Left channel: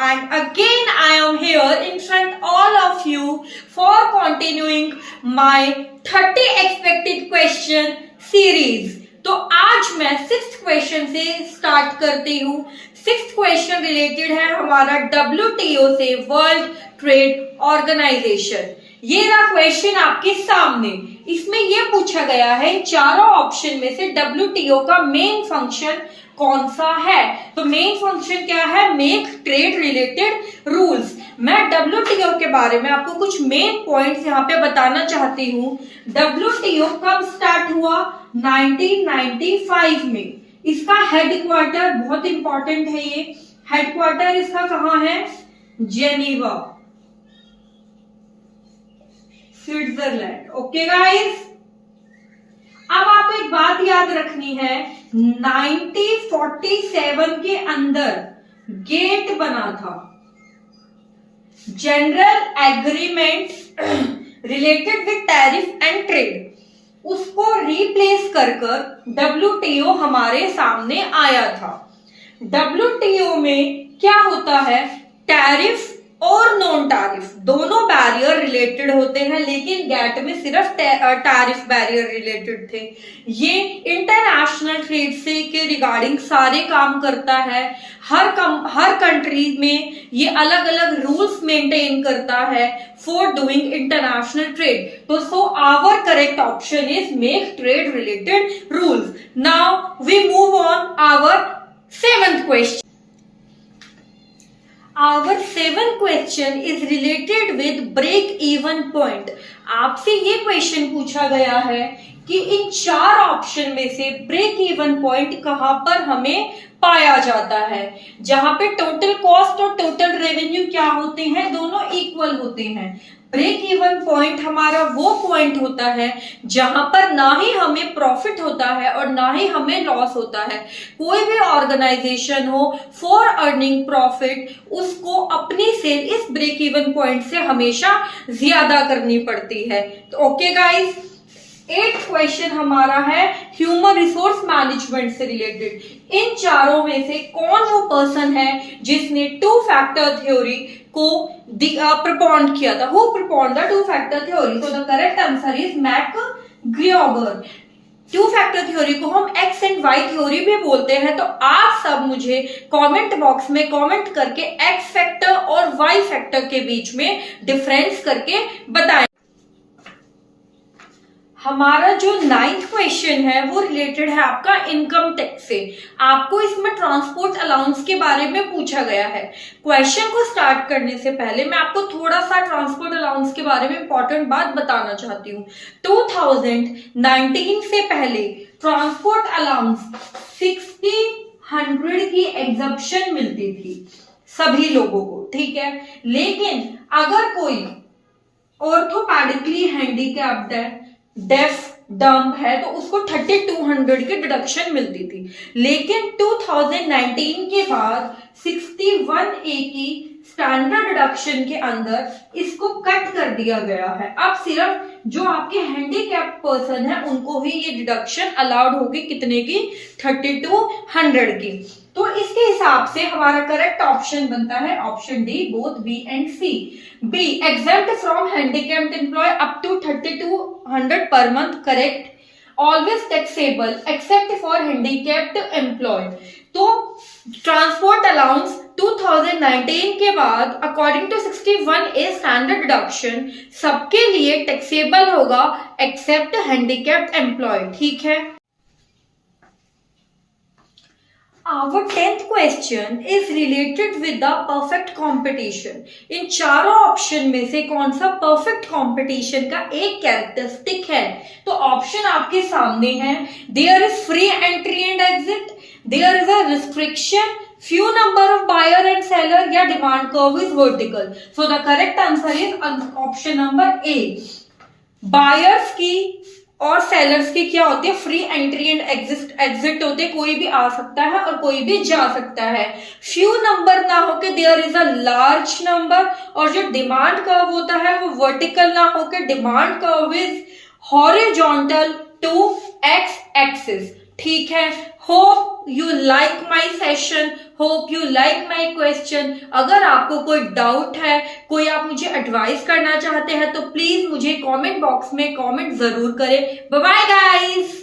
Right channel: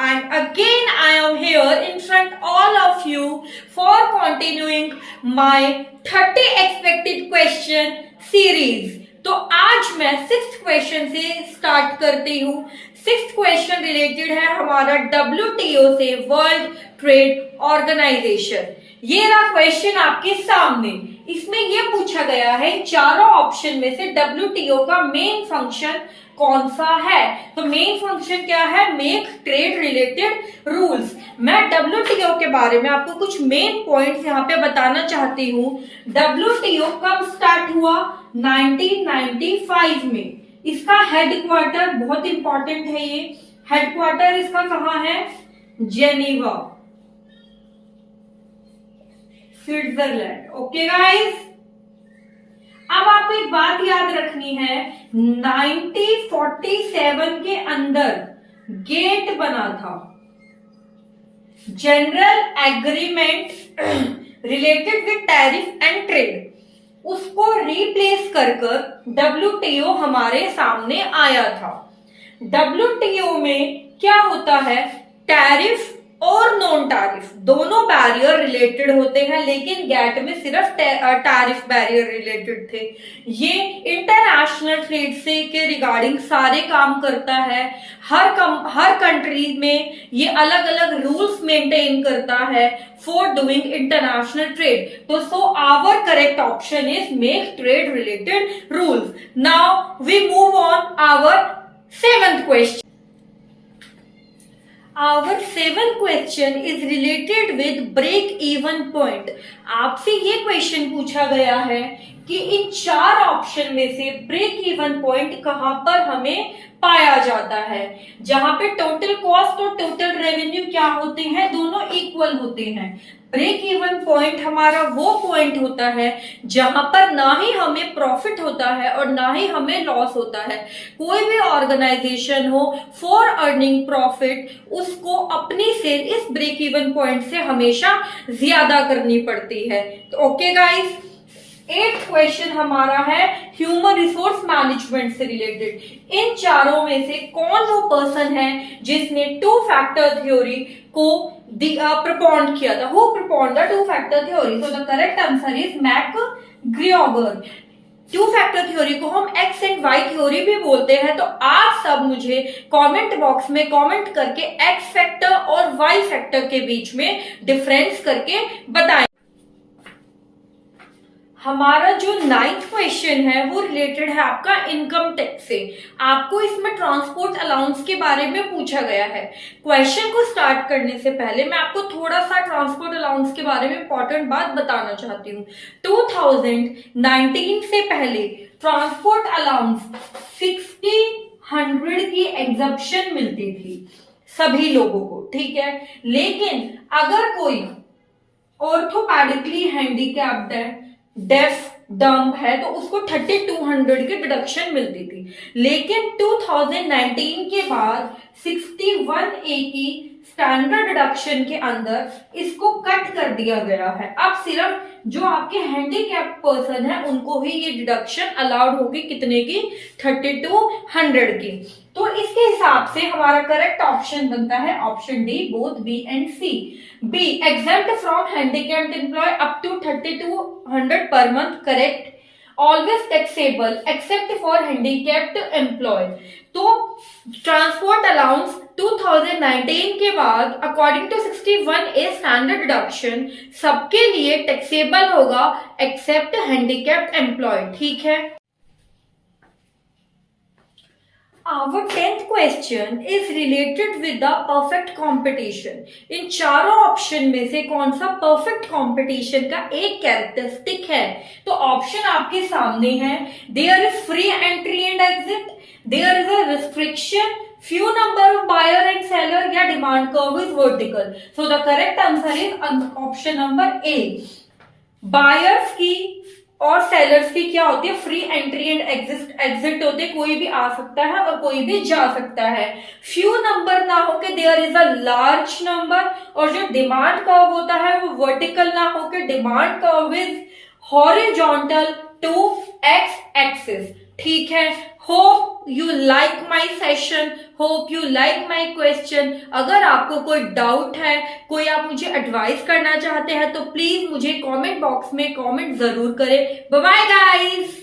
and again I am here in front all of you for continuing my 30 expected question series। तो आज मैं 6th question से start करती हूँ। 6th question related है हमारा WTO से, वर्ल्ड ट्रेड ऑर्गेनाइजेशन। ये रहा क्वेश्चन आपके सामने। इसमें ये पूछा गया है चारों ऑप्शन में से WTO का मेन फंक्शन कौन सा है। तो मेन फंक्शन क्या है? Make trade related rules. मैं WTO के बारे में आपको कुछ मेन पॉइंट्स यहाँ पे बताना चाहती हूँ। WTO कब स्टार्ट हुआ? 1995 में। इसका हेडक्वार्टर बहुत इंपॉर्टेंट है। ये हेडक्वार्टर इसका कहाँ है? Geneva, Switzerland. ओके गाइस, अब आपको एक बात याद रखनी है, 1947 के अंदर गेट बना था, general agreement related with tariff and trade. उसको रिप्लेस कर WTO हमारे सामने आया था। WTO में क्या होता है? टैरिफ और नॉन टैरिफ दोनों बैरियर रिलेटेड होते हैं, लेकिन गेट में सिर्फ टैरिफ बैरियर रिलेटेड थे। ये इंटरनेशनल ट्रेड से के रिगार्डिंग सारे काम करता है। हर कंट्री में ये अलग अलग रूल्स मेंटेन करता है फॉर डूइंग इंटरनेशनल ट्रेड। तो so our correct option is make trade related rules. Now we move on our 7th question. Our 7th question is related with break even point। आपसे ये question पूछा गया है कि इन चार ऑप्शन में से ब्रेक इवन पॉइंट कहां पर हमें पाया जाता है, जहां पे टोटल कॉस्ट और टोटल रेवेन्यू क्या होते हैं? दोनों इक्वल होते हैं। ब्रेक इवन पॉइंट हमारा वो पॉइंट होता है जहां पर ना ही हमें प्रॉफिट होता है और ना ही हमें लॉस होता है। कोई भी ऑर्गेनाइजेशन हो, फॉर अर्निंग प्रॉफिट उसको अपनी सेल इस ब्रेक इवन पॉइंट से हमेशा ज्यादा करनी पड़ती है। तो ओके गाइस, 8th क्वेश्चन हमारा है ह्यूमन रिसोर्स मैनेजमेंट से रिलेटेड। इन चारों में से कौन वो पर्सन है जिसने 2 फैक्टर थ्योरी को प्रपोन्ड किया था? Who propounded the 2 factor theory? तो the correct answer is McGregor. 2 factor theory को हम एक्स एंड वाई थ्योरी भी बोलते हैं। तो आप सब मुझे कमेंट बॉक्स में कमेंट करके एक्स फैक्टर और वाई फैक्टर के बीच में डिफरेंस करके बताएं। हमारा जो 9th क्वेश्चन है वो रिलेटेड है आपका इनकम टैक्स से। आपको इसमें ट्रांसपोर्ट अलाउंस के बारे में पूछा गया है। क्वेश्चन को स्टार्ट करने से पहले मैं आपको थोड़ा सा ट्रांसपोर्ट अलाउंस के बारे में इंपॉर्टेंट बात बताना चाहती हूँ। 2019 से पहले ट्रांसपोर्ट अलाउंस 60-100 की एग्जम्पशन मिलती थी सभी लोगों को, ठीक है। लेकिन अगर कोई ऑर्थोपेडिकली हैंडीकैप्ड है, डेफ, डम्ब है, तो उसको 3200 की डिडक्शन मिलती थी। लेकिन 2019 के बाद 61A की स्टैंडर्ड डिडक्शन के अंदर इसको कट कर दिया गया है। अब सिर्फ जो आपके हैंडीकैप पर्सन है उनको ही ये डिडक्शन अलाउड होगी। कितने की? 3200 की। तो इसके हिसाब से हमारा करेक्ट ऑप्शन बनता है option D, both B and C. B, exempt from handicapped employ up to 3200 per month, correct. Always taxable except for handicapped employ. तो ट्रांसपोर्ट अलाउंस 2019 के बाद according to 61A standard deduction सबके लिए taxable होगा accept handicapped employ, ठीक है। Our 10th question is related with the perfect competition। इन चारों option में से कौन सा परफेक्ट कंपटीशन का एक कैरेक्टरिस्टिक है? तो ऑप्शन आपके सामने है। There is free entry and exit, there is a restriction, few number of buyer and seller, या demand curve is vertical. So the correct answer is option number A. Buyers की और sellers की क्या होती है? फ्री एंट्री एंड एग्जिट होते, कोई भी आ सकता है और कोई भी जा सकता है। फ्यू नंबर ना होके there is a large number, और जो डिमांड कर्व होता है वो वर्टिकल ना होके demand curve is horizontal to x axis. ठीक है, hope you like my session, hope you like my question. अगर आपको कोई डाउट है, कोई आप मुझे एडवाइस करना चाहते हैं तो प्लीज मुझे कमेंट बॉक्स में कमेंट जरूर करें। Bye bye guys.